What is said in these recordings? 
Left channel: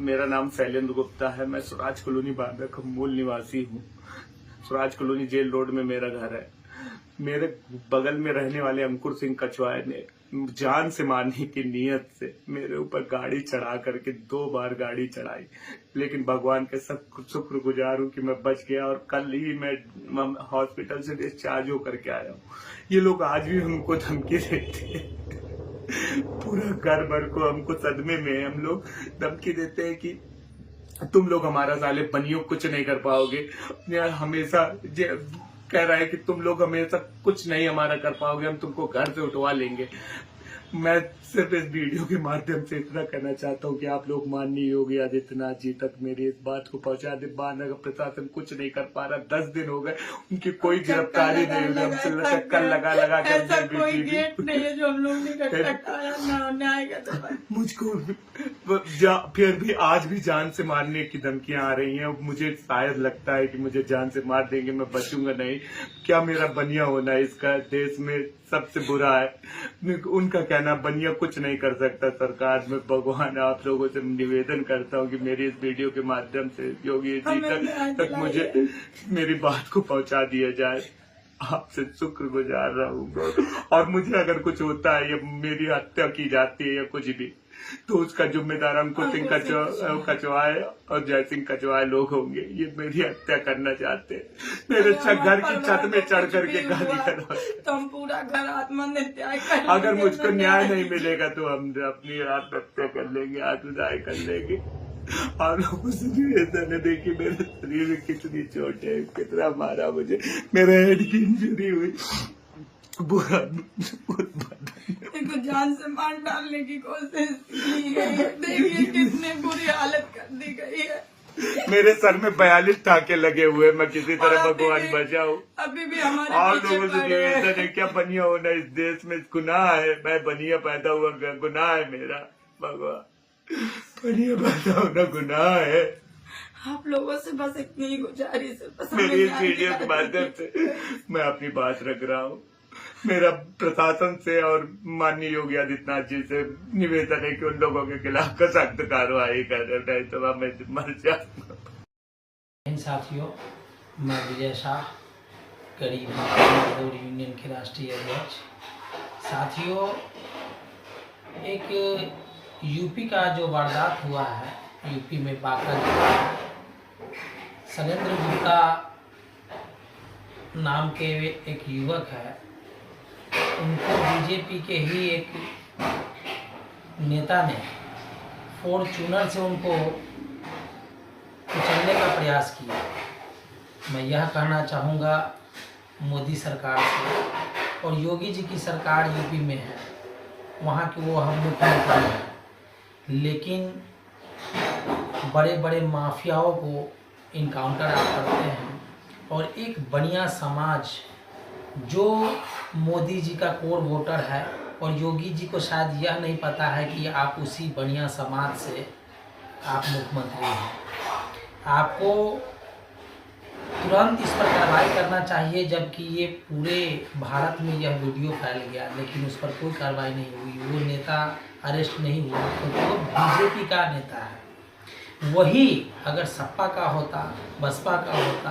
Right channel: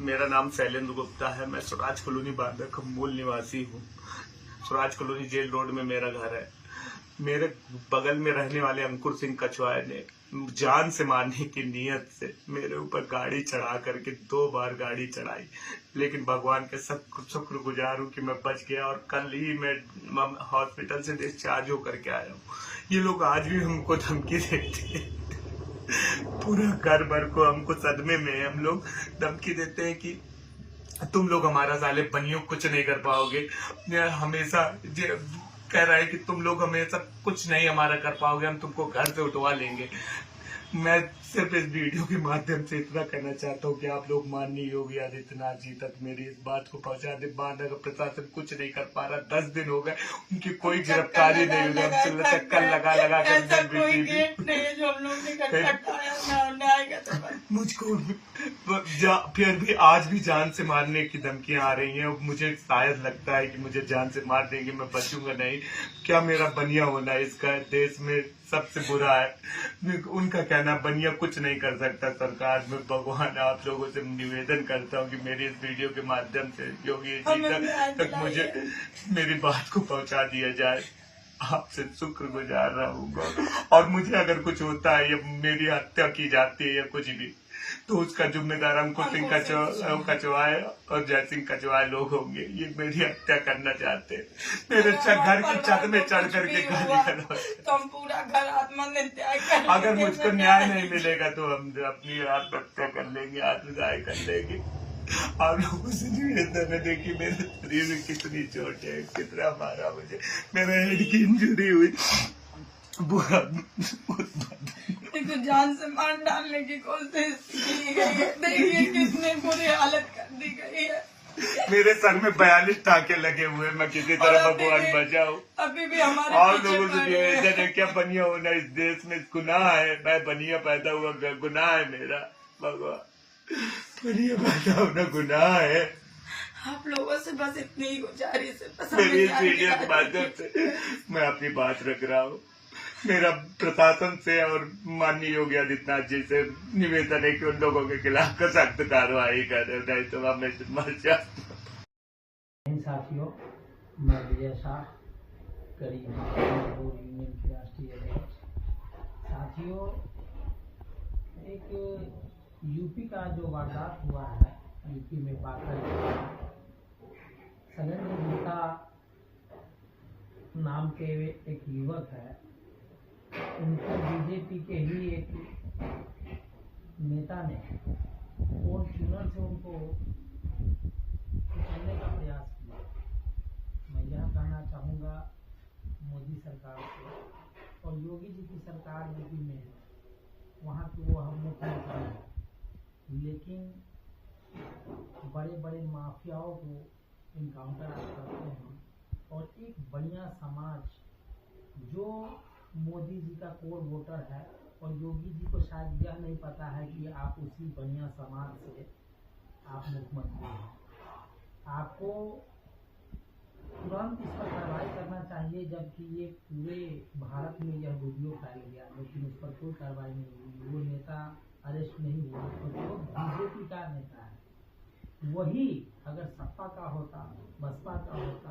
मेरा नाम शैलेंद्र गुप्ता है। मैं स्वराज कॉलोनी बांदा का मूल निवासी हूँ। स्वराज कॉलोनी जेल रोड में मेरा घर है। मेरे बगल में रहने वाले अंकुर सिंह कछवाए ने जान से मारने की नीयत से मेरे ऊपर गाड़ी चढ़ा करके 2 बार गाड़ी चढ़ाई, लेकिन भगवान के सब शुक्रगुजार हूँ कि मैं बच गया और कल ही मैं हॉस्पिटल से डिस्चार्ज होकर के आया हूँ। ये लोग आज भी हमको धमकी देते हैं। पूरा घर भर को हमको सदमे में हम लोग धमकी देते हैं कि तुम लोग हमारा साले बनियो कुछ नहीं कर पाओगे। हमेशा कह रहा है कि तुम लोग हमेशा कुछ नहीं हमारा कर पाओगे, हम तुमको घर से उठवा लेंगे। मैं सिर्फ इस वीडियो के माध्यम से इतना कहना चाहता हूँ कि आप लोग माननीय योगी आदित्यनाथ जी तक मेरी इस बात को पहुंचा दे। बांदा का प्रशासन कुछ नहीं कर पा रहा। 10 दिन हो गए, उनकी कोई गिरफ्तारी नहीं हुई। हमसे चक्कर लगा मुझको फिर भी आज भी जान से मारने की धमकियां आ रही हैं। मुझे शायद लगता है कि मुझे जान से मार देंगे, मैं बचूंगा नहीं। क्या मेरा बनिया होना इसका देश में सबसे बुरा है। उनका कहना बनिया कुछ नहीं कर सकता। सरकार में भगवान आप लोगों से निवेदन करता हूँ कि मेरी इस वीडियो के माध्यम से योगी जी तक मुझे मेरी बात को पहुंचा दिया जाए। आपसे शुक्रगुजार रहूंगा। और मुझे अगर कुछ होता है या मेरी हत्या की जाती है या कुछ भी, तो उसका जिम्मेदार अंकुर सिंह कछवाए और जय सिंह कछवाए लोग होंगे। ये मेरी हत्या करना चाहते हैं। मेरे घर की छत में चढ़ करके गाली करवा, तो हम पूरा घर आत्महत्या। अगर मुझको न्याय नहीं मिलेगा तो हम अपनी आत्महत्या कर लेंगे, आत्मदाय कर लेंगे। आप लोगों से निवेदन है, देखिए मेरे शरीर में कितनी चोट है, कितना मारा मुझे, मेरे हेड की इंजरी हुई। बुरा इनको जान से मार डालने की कोशिश की गई है। देखिए कितनी बुरी हालत कर दी गई है। मेरे सर में 42 टाके लगे हुए। मैं किसी तरह भगवान बचाऊं। अभी भी हमारे और लोगों से निवेदन है, क्या बनिया होना इस देश में गुनाह है। मैं बनिया पैदा हुआ, गुनाह है मेरा। भगवान, बनिया पैदा होना गुनाह है। आप लोगों से बस इतनी ही गुजारिश है। मेरी इस वीडियो के माध्यम से मैं अपनी बात रख रहा हूँ। मेरा प्रशासन से और माननीय योगी आदित्यनाथ जी से निवेदन है कि उन लोगों के खिलाफ सख्त कार्रवाई करें, नहीं तो मैं मर जाऊंगा। साथियों, मैं विजय शाह, गरीब मजदूर यूनियन के राष्ट्रीय अध्यक्ष। साथियों, एक यूपी का जो वारदात हुआ है, यूपी में बांका जिला, शैलेंद्र गुप्ता नाम के एक युवक है। उनको बीजेपी के ही एक नेता ने फॉर्च्यूनर से उनको कुचलने का प्रयास किया। मैं यह कहना चाहूँगा मोदी सरकार से, और योगी जी की सरकार यूपी में है, वहाँ के वो हम मुख्यमंत्री हैं, लेकिन बड़े बड़े माफियाओं को इनकाउंटर आप करते हैं। और एक बनिया समाज जो मोदी जी का कोर वोटर है, और योगी जी को शायद यह नहीं पता है कि आप उसी बनिया समाज से आप मुख्यमंत्री हैं। आपको तुरंत इस पर कार्रवाई करना चाहिए, जबकि ये पूरे भारत में यह वीडियो फैल गया, लेकिन उस पर कोई कार्रवाई नहीं हुई। वो नेता अरेस्ट नहीं हुआ क्योंकि वो बीजेपी का नेता है। वही अगर सपा का होता, बसपा का होता,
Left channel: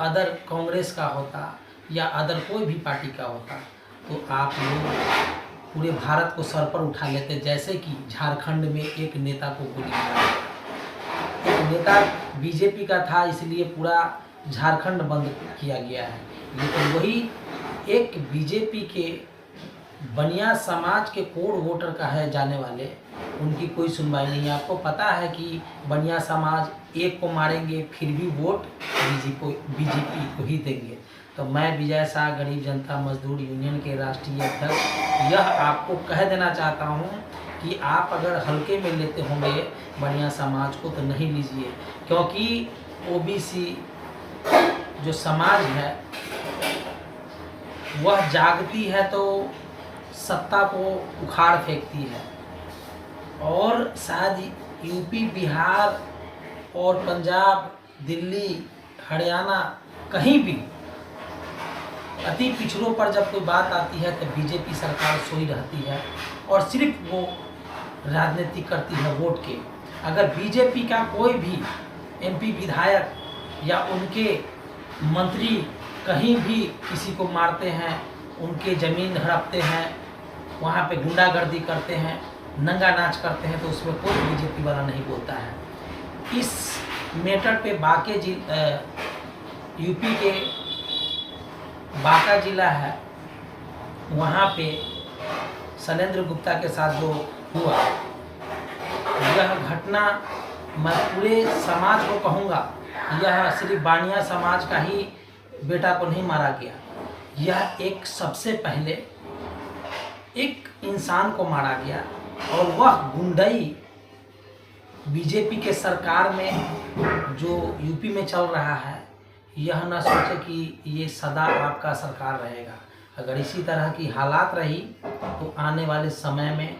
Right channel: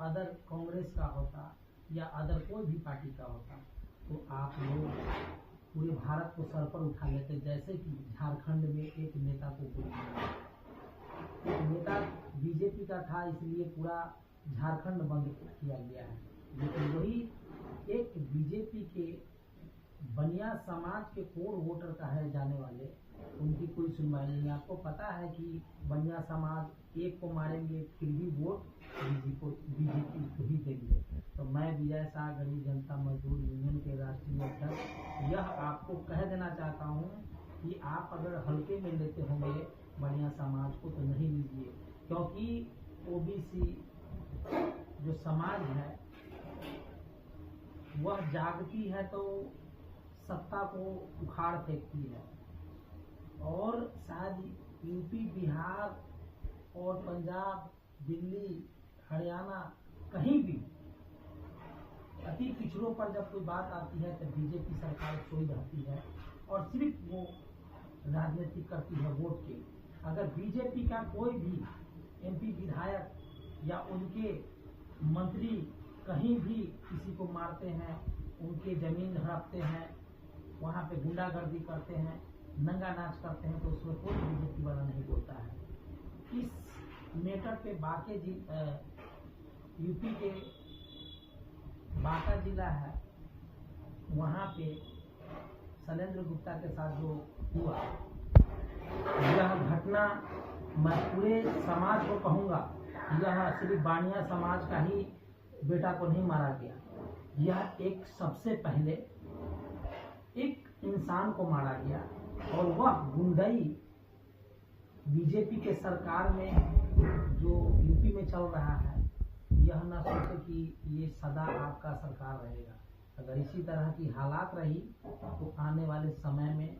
अदर कांग्रेस का होता या अदर कोई भी पार्टी का होता, तो आप लोग पूरे भारत को सर पर उठा लेते। जैसे कि झारखंड में एक नेता को गोली मारा, एक नेता बीजेपी का था, इसलिए पूरा झारखंड बंद किया गया है। लेकिन वही एक बीजेपी के बनिया समाज के कोर वोटर का है जाने वाले, उनकी कोई सुनवाई नहीं है। आपको पता है कि बनिया समाज एक को मारेंगे फिर भी वोट बीजेपी को ही देंगे। तो मैं विजय शाह, गरीब जनता मजदूर यूनियन के राष्ट्रीय अध्यक्ष, यह आपको कह देना चाहता हूं कि आप अगर हल्के में लेते होंगे बनिया समाज को तो नहीं लीजिए, क्योंकि ओबीसी जो समाज है वह जागती है तो सत्ता को उखाड़ फेंकती है। और शायद यूपी, बिहार और पंजाब, दिल्ली, हरियाणा, कहीं भी अति पिछड़ों पर जब कोई बात आती है तो बीजेपी सरकार सोई रहती है और सिर्फ वो राजनीति करती है वोट के। अगर बीजेपी का कोई भी एमपी विधायक या उनके मंत्री कहीं भी किसी को मारते हैं, उनके ज़मीन हड़पते हैं, वहाँ पे गुंडागर्दी करते हैं, नंगा नाच करते हैं, तो उसमें कोई बीजेपी वाला नहीं बोलता है। इस मैटर पे यूपी के बांका जिला है, वहाँ पे शैलेंद्र गुप्ता के साथ जो हुआ, यह घटना मैं पूरे समाज को कहूँगा, यह सिर्फ बानिया समाज का ही बेटा को नहीं मारा गया, यह एक सबसे पहले एक इंसान को मारा गया, और वह गुंडई बीजेपी के सरकार में जो यूपी में चल रहा है, यह ना सोचे कि ये सदा आपका सरकार रहेगा। अगर इसी तरह की हालात रही तो आने वाले समय में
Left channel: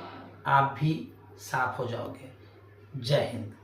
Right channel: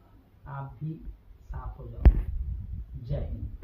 आप भी साफ हो जाओगे। जय हिंद।